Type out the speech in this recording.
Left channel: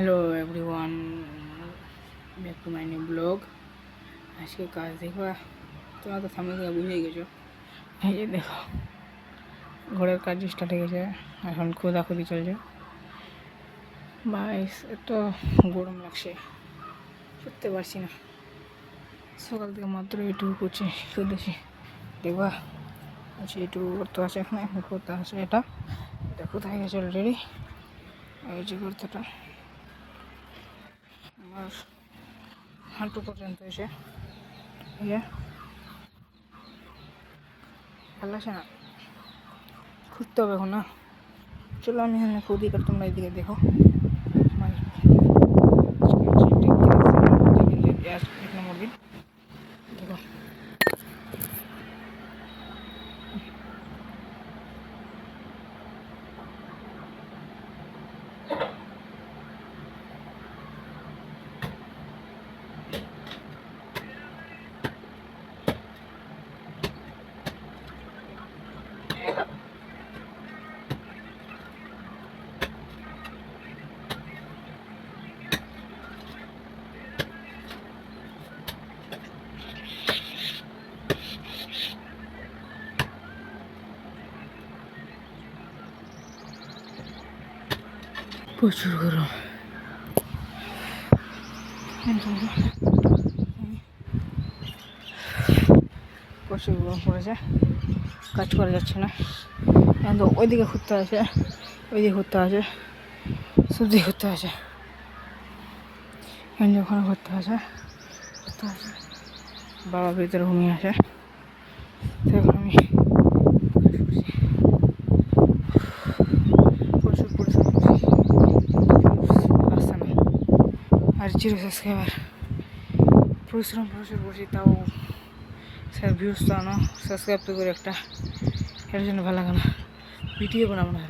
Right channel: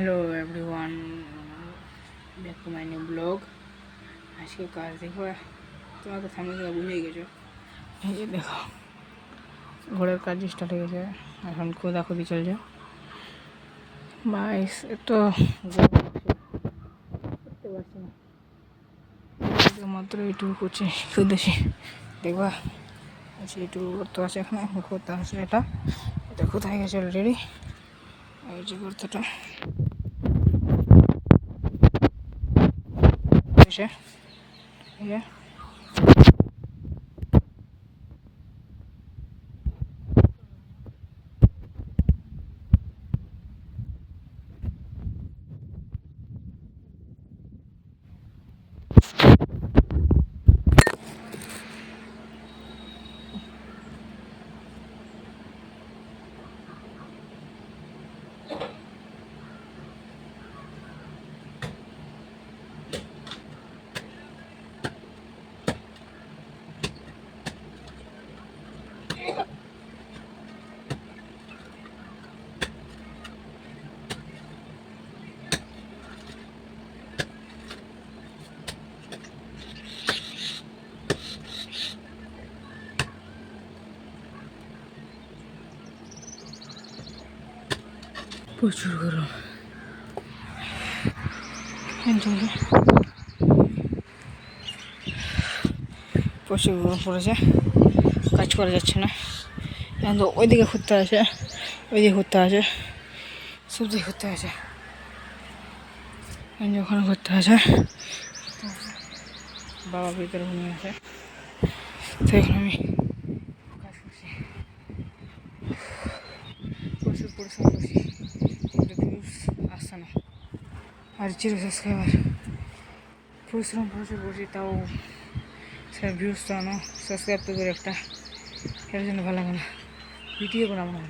Hello everyone, back to my new blog. আজকে কাজ দেখো, তোমরা তো সামনে থেকে বুঝে গেছো। এই যে দেখো, ঘরের কাজ স্টার্ট হয়ে গেছে, এখন খোদাখুদি চলছে। বাইস এত গরম লাগছে, করতে পারছি না। মাত্র এইটুকু করছি, শুধুছি দেখবা। আচ্ছা, এইটুকু করতে আছে, এখানে এখন করতে আছে। এটা কোথায় গেছে অলরেডি, এই যে করতেটা হাঁটু পর্যন্ত এসে ভালো লাগছে না, করতে হবে এখন না। চলো আমি এখানে খুদি, আর তোমরা এদিকে দেখো। এক নম্বর দিন প্রচুর গরম, প্রচুর গরম পড়েছে, কাজ করা যাচ্ছে না। এখন তো ওইদিকে ঘুরতে আছে, ওইদিকে ঘুরতে আছে, সবদিকে ঘুরতে আছে, ওখানে ঘুরতে আছে। বাবা ভিতরে ঘুমিয়ে আছে, তো এখন আমি প্রচুর পরিশ্রম আসছে না। আর 0 সাবস্ক্রাইবার, পরিশ্রম প্রচুর করছি, তাও স্যার ভিউজ তো আনো, সাবস্ক্রাইব তো করে একটা, এর জন্য ভালো লাগে না, ভিডিও বানাবো না।